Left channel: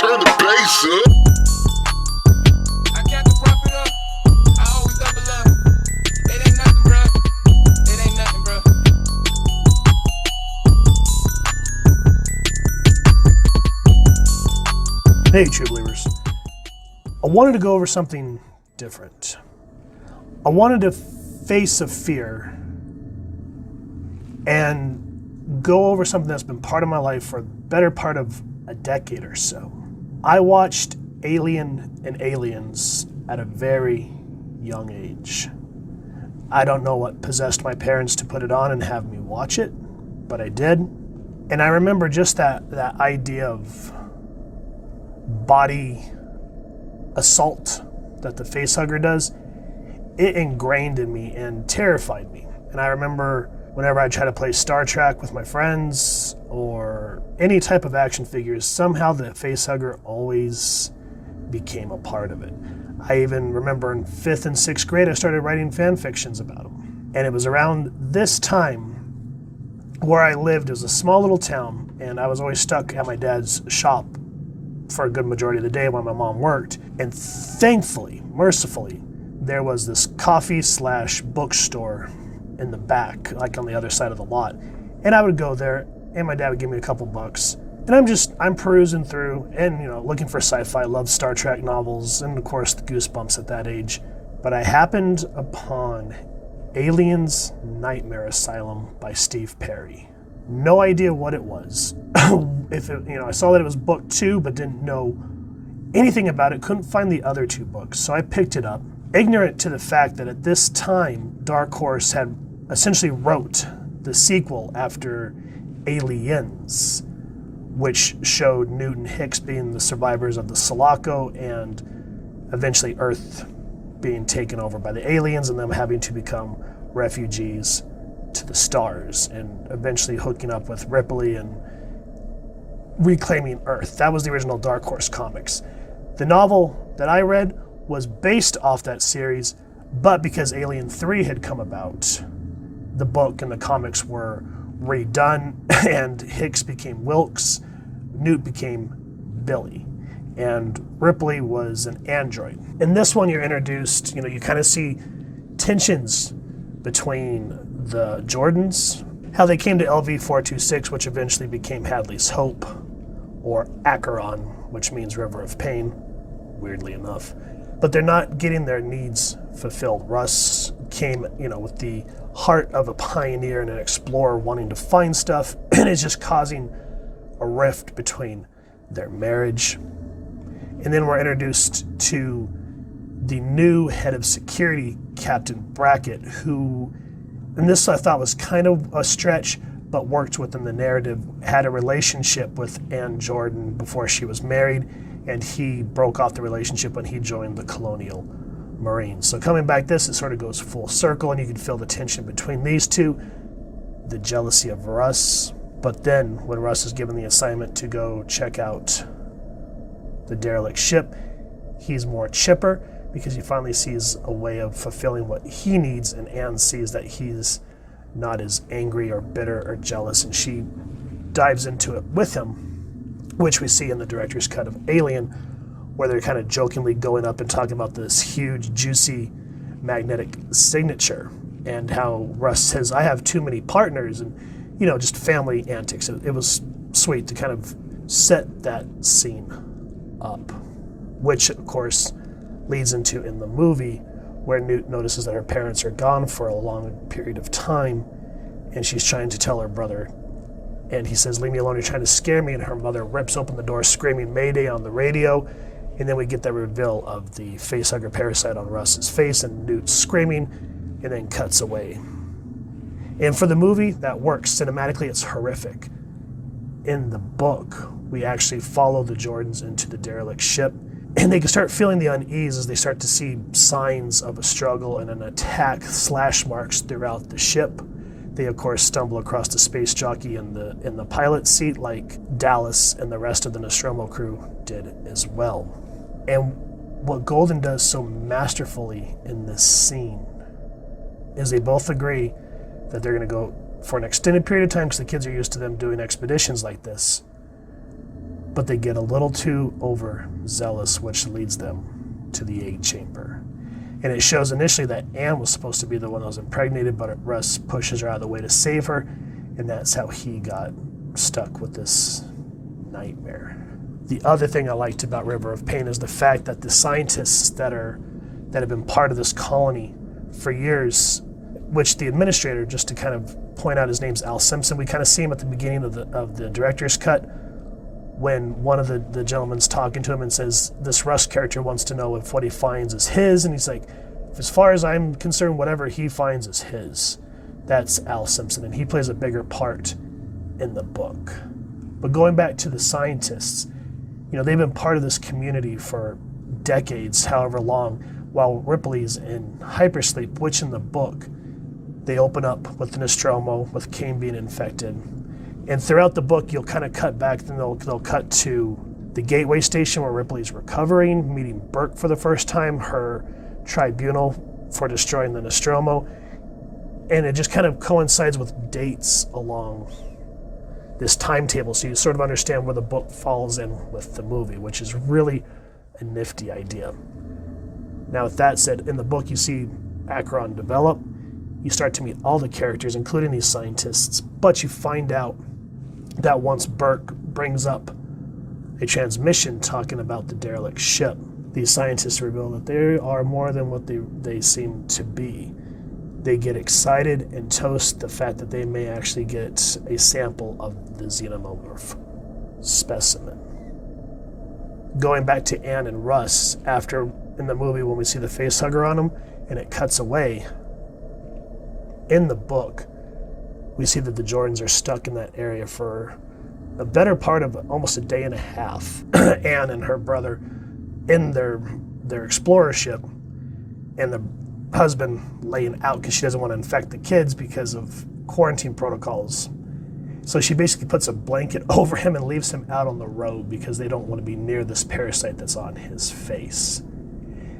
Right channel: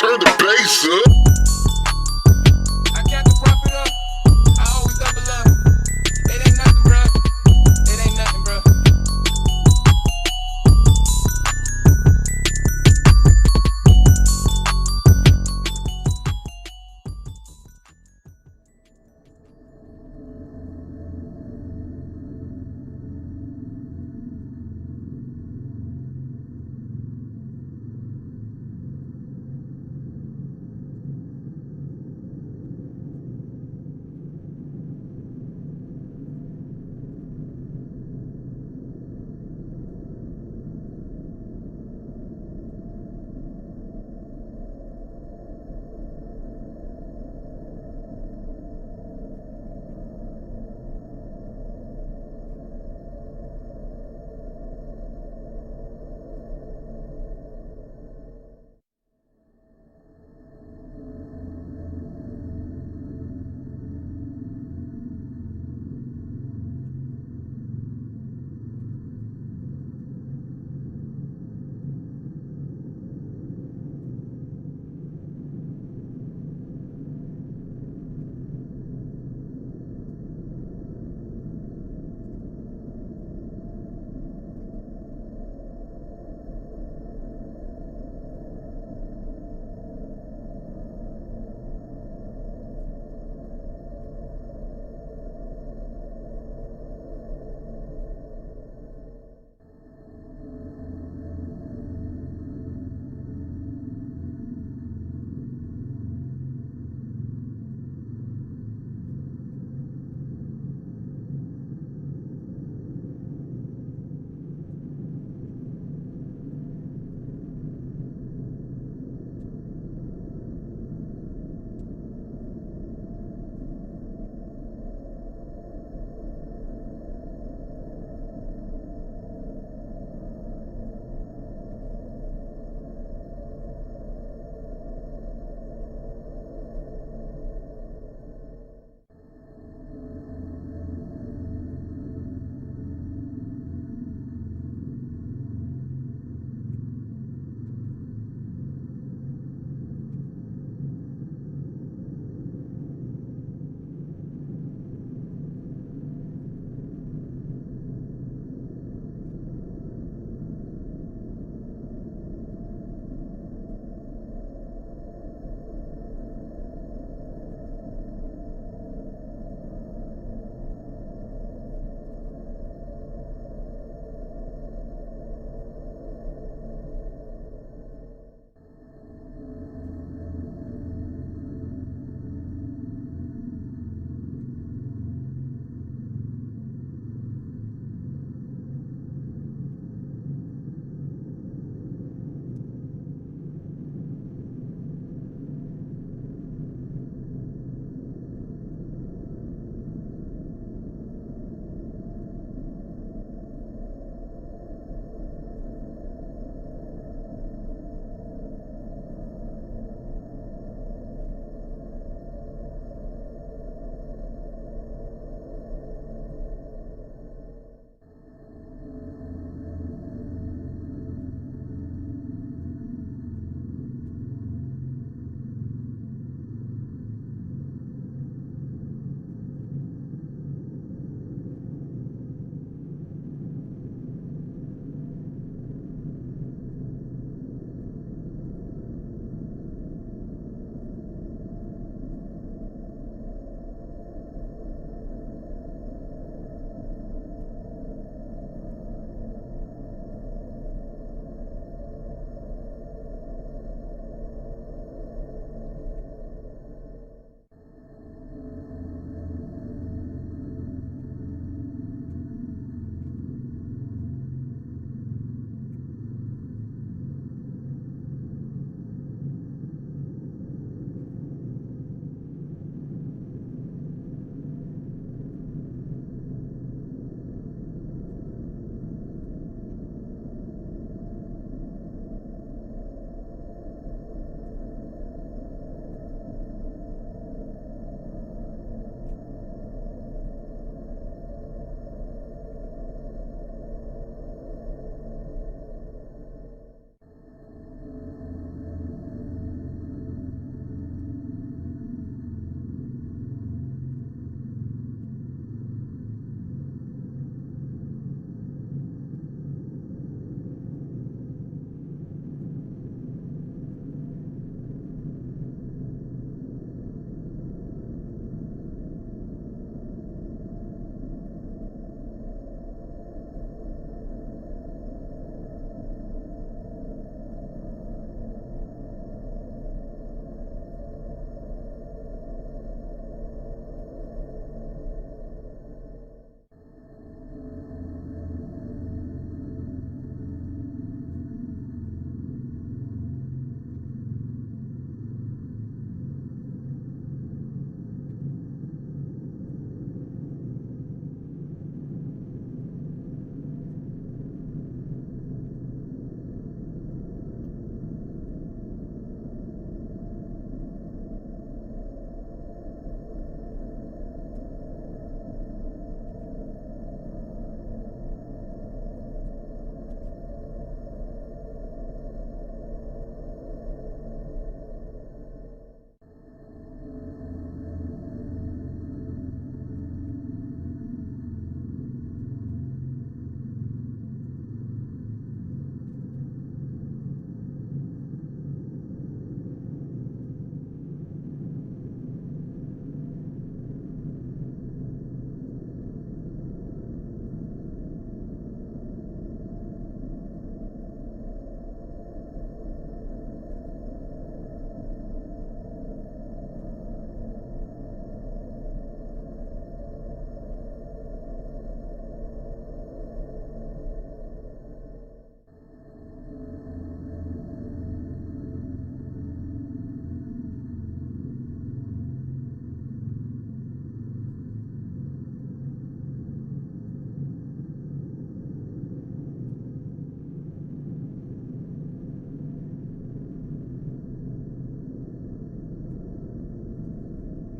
Turn the bass up. I kept the profit up. I always double up. It ain't nothing, bruh. It ain't nothing, bruh. Hey, True Believers. I wanted to go over something different. I wanted to face a fear and go over something that's been part of my life for the better part of a decade or so. I watched Alien and Aliens at a very young age. I don't know what possessed my parents to put it on and have me watch it, but I did. And I remember just that idea of body assault that the facehugger does. It ingrained in me and terrified me. And I remember whenever I try to play Star Trek with my friends or any type of action figures, somehow the facehugger always became a part of it. I even remember in 5th and 6th grade, I started writing fan fictions about him. And it was around this time where I lived. It was a small little town, and I was always stuck at my dad's shop for a good majority of the day while my mom worked. And thankfully, mercifully, there was this coffee/bookstore in the back, like on the other side of the lot. And I would go there, and my dad would give me a couple bucks. And I'm perusing through and, looking for sci-fi. I love Star Trek novels and, of course, the Goosebumps at that age. But I happened upon Aliens Nightmare Asylum by Steve Perry. No idea what it was. I saw that it was book 2, but didn't know anything about it. Couldn't find the other 2 books. So I picked it up, ignorant to the fact that at this time, Dark Horse had essentially wrote the sequel after Aliens, which showed Newt and Hicks being the survivors of the Sulaco and eventually Earth being taken over by the aliens and them having to become refugees to the stars and eventually hooking up with Ripley and reclaiming Earth. That was the original Dark Horse comics. The novel that I read was based off that series, but because Alien 3 had come about, the book and the comics were redone, and Hicks became Wilkes, Newt became Billy, and Ripley was an android. In this one, you're introduced, you kind of see tensions between the Jordans, how they came to LV-426, which eventually became Hadley's Hope, or Acheron, which means River of Pain, weirdly enough. But they're not getting their needs fulfilled. Russ came, with the heart of a pioneer and an explorer wanting to find stuff, and it's just causing a rift between their marriage. And then we're introduced to the new head of security, Captain Brackett, who, and this I thought was kind of a stretch, but worked within the narrative, had a relationship with Jorden before she was married, and he broke off the relationship when he joined the Colonial Marines. So coming back it sort of goes full circle, and you can feel the tension between these two, the jealousy of Russ. But then when Russ is given the assignment to go check out the derelict ship, he's more chipper because he finally sees a way of fulfilling what he needs, and Anne sees that he's not as angry or bitter or jealous, and she dives into it with him, which we see in the director's cut of Alien, where they're kind of jokingly going up and talking about this huge, juicy magnetic signature and how Russ says, I have too many partners, and, just family antics. It was sweet to kind of set that scene up, which, of course, leads into in the movie where Newt notices that her parents are gone for a long period of time, and she's trying to tell her brother, and he says, leave me alone, you're trying to scare me, and her mother rips open the door screaming Mayday on the radio, and then we get that reveal of the facehugger parasite on Russ's face and Newt screaming, and then cuts away. And for the movie, that works. Cinematically, it's horrific. In the book, we actually follow the Jordans into the derelict ship, and they can start feeling the unease as they start to see signs of a struggle and an attack, slash marks throughout the ship. They, of course, stumble across the space jockey in the pilot's seat like Dallas and the rest of the Nostromo crew did as well. And what Golden does so masterfully in this scene is they both agree that they're going to go for an extended period of time because the kids are used to them doing expeditions like this. but they get a little too overzealous, which leads them to the egg chamber. And it shows initially that Anne was supposed to be the one that was impregnated, but Russ pushes her out of the way to save her, and that's how he got stuck with this nightmare. The other thing I liked about River of Pain is the fact that the scientists that have been part of this colony for years, which the administrator, just to kind of point out, his name's Al Simpson. We kind of see him at the beginning of the director's cut when one of the gentlemen's talking to him and says, this Russ character wants to know if what he finds is his, and he's like, as far as I'm concerned, whatever he finds is his. That's Al Simpson, and he plays a bigger part in the book. But going back to the scientists, they've been part of this community for decades, however long, while Ripley's in hypersleep, which in the book, they open up with the Nostromo, with Kane being infected. And throughout the book, you'll kind of cut back, and they'll cut to the Gateway Station where Ripley's recovering, meeting Burke for the first time, her tribunal for destroying the Nostromo. And it just kind of coincides with dates along this timetable, so you sort of understand where the book falls in with the movie, which is really a nifty idea. Now, with that said, in the book, you see Acheron develop. You start to meet all the characters, including these scientists, but you find out that once Burke brings up a transmission talking about the derelict ship, these scientists reveal that they are more than what they seem to be. They get excited and toast the fact that they may actually get a sample of the Xenomorph specimen. Going back to Anne and Russ, after in the movie when we see the facehugger on them and it cuts away, in the book, we see that the Jordans are stuck in that area for a better part of almost a day and a half. Anne and her brother in their explorer ship, and the husband laying out because she doesn't want to infect the kids because of quarantine protocols. So she basically puts a blanket over him and leaves him out on the road because they don't want to be near this parasite that's on his face.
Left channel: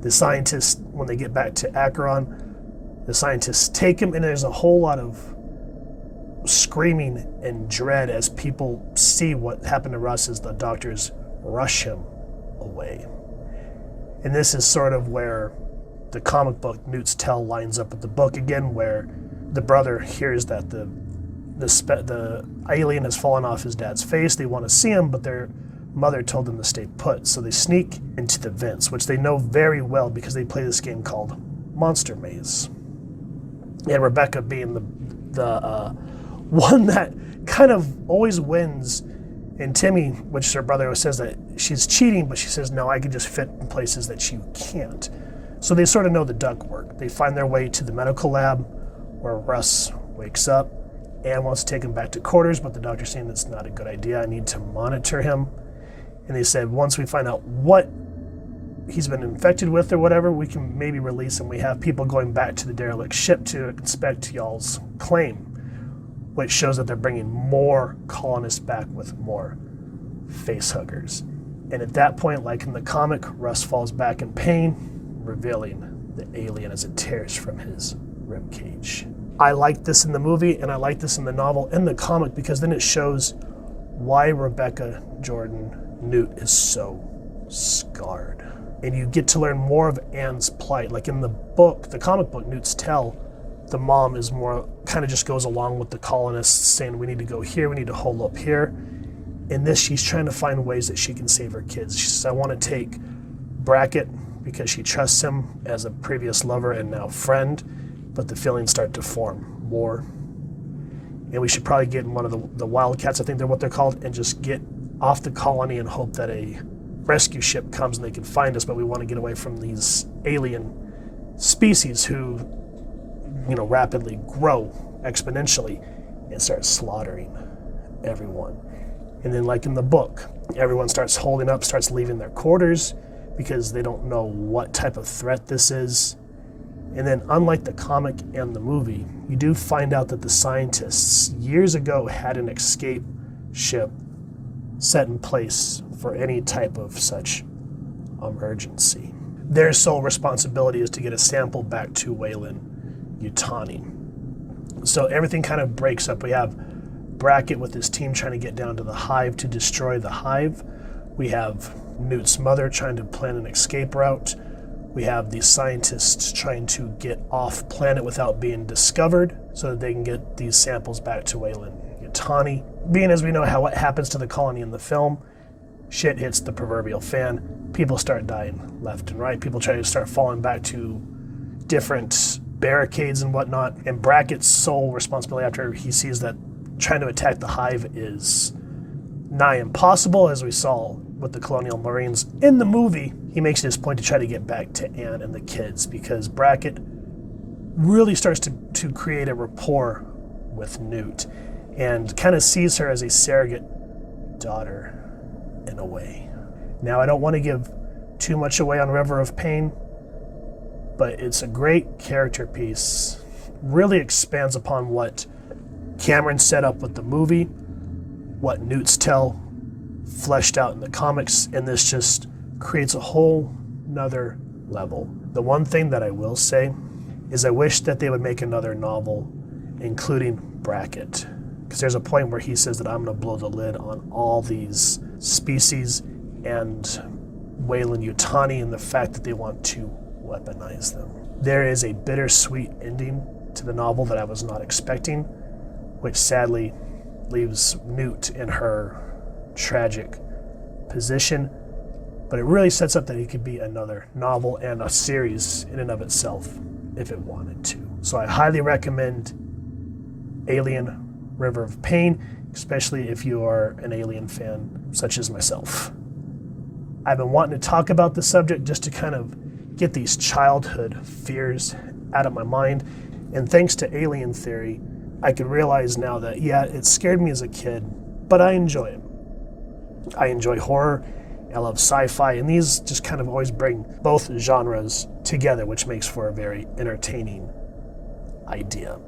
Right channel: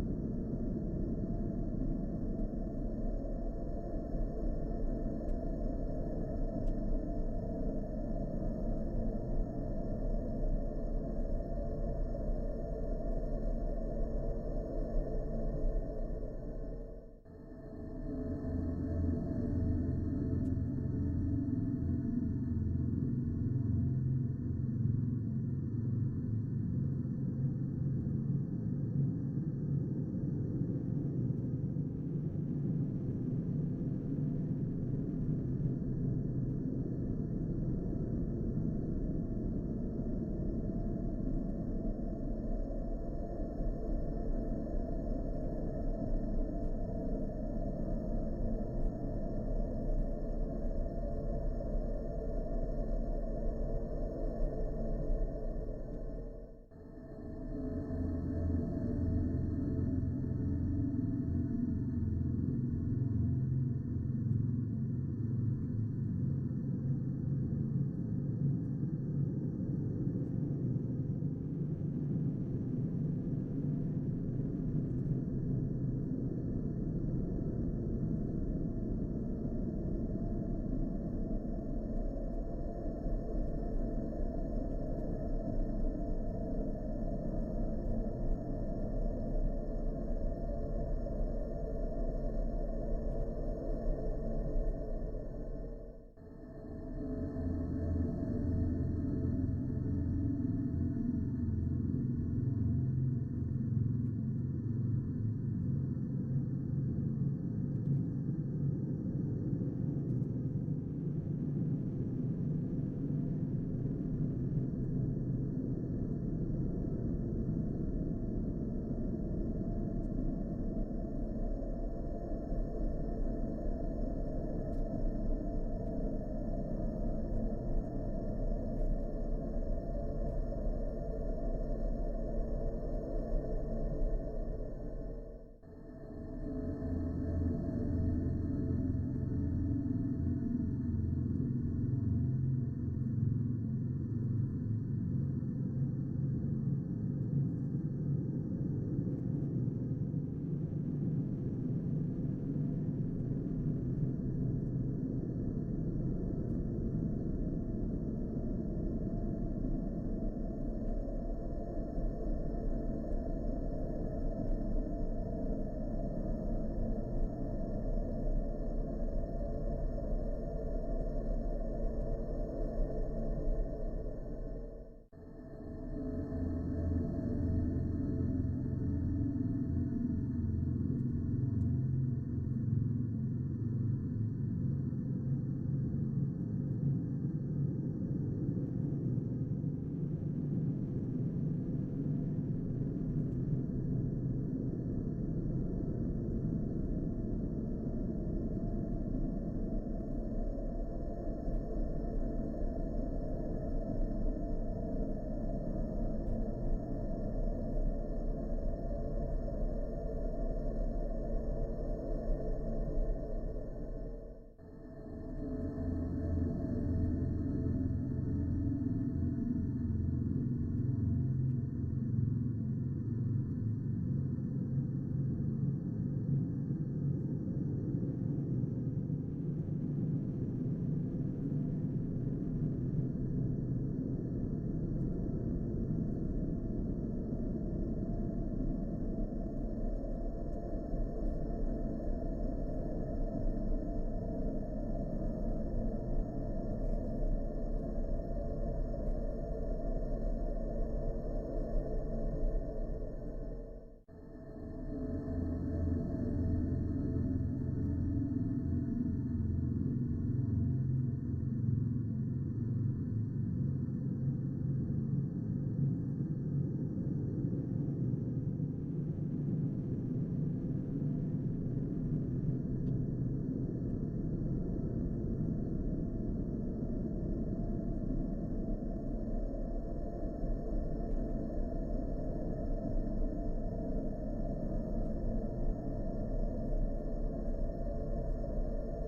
The scientists, when they get back to Acheron, the scientists take him, and there's a whole lot of screaming and dread as people see what happened to Russ as the doctors rush him away. And this is sort of where the comic book Newt's Tell lines up with the book again, where the brother hears that the alien has fallen off his dad's face. They want to see him, but their mother told them to stay put. So they sneak into the vents, which they know very well because they play this game called Monster Maze. And Rebecca being the one that kind of always wins, and Timmy, which her brother always says that she's cheating, but she says, no, I can just fit in places that you can't. So they sort of know the duck work. They find their way to the medical lab where Russ wakes up. Anne wants to take him back to quarters, but the doctor's saying that's not a good idea. I need to monitor him. And they said, once we find out what he's been infected with or whatever, we can maybe release him. We have people going back to the derelict ship to inspect y'all's claim, which shows that they're bringing more colonists back with more facehuggers. And at that point, like in the comic, Russ falls back in pain, revealing the alien as it tears from his ribcage. I like this in the movie, and I like this in the novel and the comic, because then it shows why Rebecca Jorden Newt is so scarred. And you get to learn more of Anne's plight. Like in the book, the comic book Newt's Tell, the mom is more, kind of just goes along with the colonists saying, we need to go here, we need to hold up here. In this, she's trying to find ways that she can save her kids. She says, I want to take Brackett because she trusts him as a previous lover and now friend, but the feelings start to form more. And we should probably get in one of the Wildcats, I think they're what they're called, and just get off the colony and hope that a rescue ship comes and they can find us, but we want to get away from these alien species who, rapidly grow exponentially and start slaughtering everyone. And then like in the book, everyone starts holding up, starts leaving their quarters because they don't know what type of threat this is. And then unlike the comic and the movie, you do find out that the scientists years ago had an escape ship set in place for any type of such emergency. Their sole responsibility is to get a sample back to Weyland Yutani. So everything kind of breaks up. We have Brackett with his team trying to get down to the hive to destroy the hive. We have Newt's mother trying to plan an escape route. We have the scientists trying to get off planet without being discovered so that they can get these samples back to Weyland-Yutani. Being as we know how what happens to the colony in the film, shit hits the proverbial fan. People start dying left and right. People try to start falling back to different barricades and whatnot. And Brackett's sole responsibility after he sees that trying to attack the hive is nigh impossible, as we saw with the Colonial Marines in the movie, he makes it his point to try to get back to Anne and the kids because Brackett really starts to create a rapport with Newt and kind of sees her as a surrogate daughter in a way. Now, I don't want to give too much away on River of Pain, but it's a great character piece. Really expands upon what Cameron set up with the movie, what Newt's tell fleshed out in the comics, and this just creates a whole nother level. The one thing that I will say is I wish that they would make another novel including Brackett, because there's a point where he says that I'm going to blow the lid on all these species and Weyland-Yutani and the fact that they want to weaponize them. There is a bittersweet ending to the novel that I was not expecting, which sadly leaves Newt in her tragic position, but it really sets up that it could be another novel and a series in and of itself if it wanted to. So I highly recommend Alien River of Pain, especially if you are an Alien fan such as myself. I've been wanting to talk about the subject just to kind of get these childhood fears out of my mind, and thanks to Alien Theory, I can realize now that, yeah, it scared me as a kid, but I enjoy it. I enjoy horror, I love sci-fi, and these just kind of always bring both genres together, which makes for a very entertaining idea.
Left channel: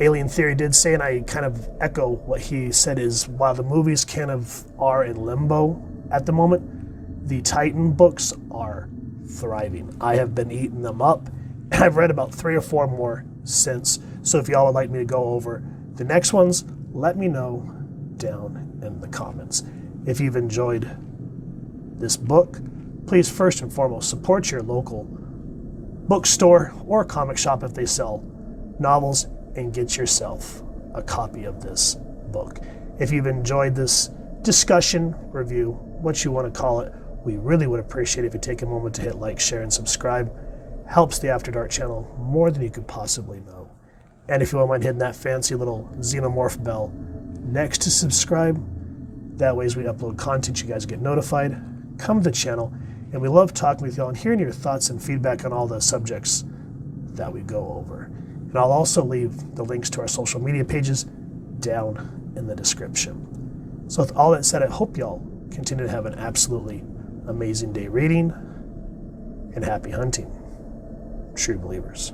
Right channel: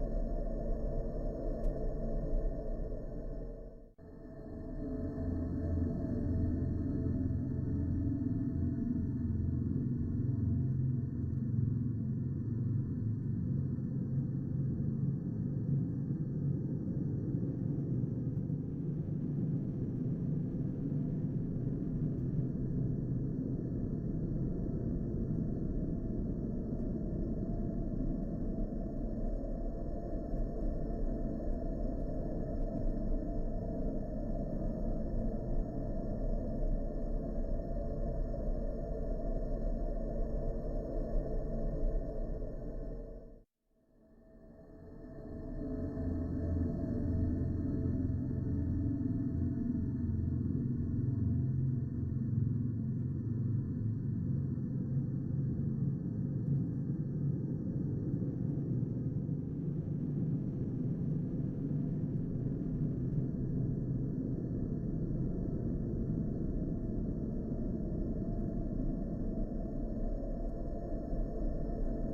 Alien Theory did say, and I kind of echo what he said, is while the movies kind of are in limbo at the moment, the Titan books are thriving. I have been eating them up, and I've read about 3 or 4 more since. So if y'all would like me to go over the next ones, let me know down in the comments. If you've enjoyed this book, please first and foremost support your local bookstore or comic shop if they sell novels, and get yourself a copy of this book. If you've enjoyed this discussion, review, what you want to call it, we really would appreciate it if you take a moment to hit like, share, and subscribe. Helps the After Dark channel more than you could possibly know. And if you won't mind hitting that fancy little Xenomorph bell next to subscribe, that way as we upload content, you guys get notified. Come to the channel, and we love talking with y'all and hearing your thoughts and feedback on all the subjects that we go over. And I'll also leave the links to our social media pages down in the description. So with all that said, I hope y'all continue to have an absolutely amazing day reading, and happy hunting, true believers.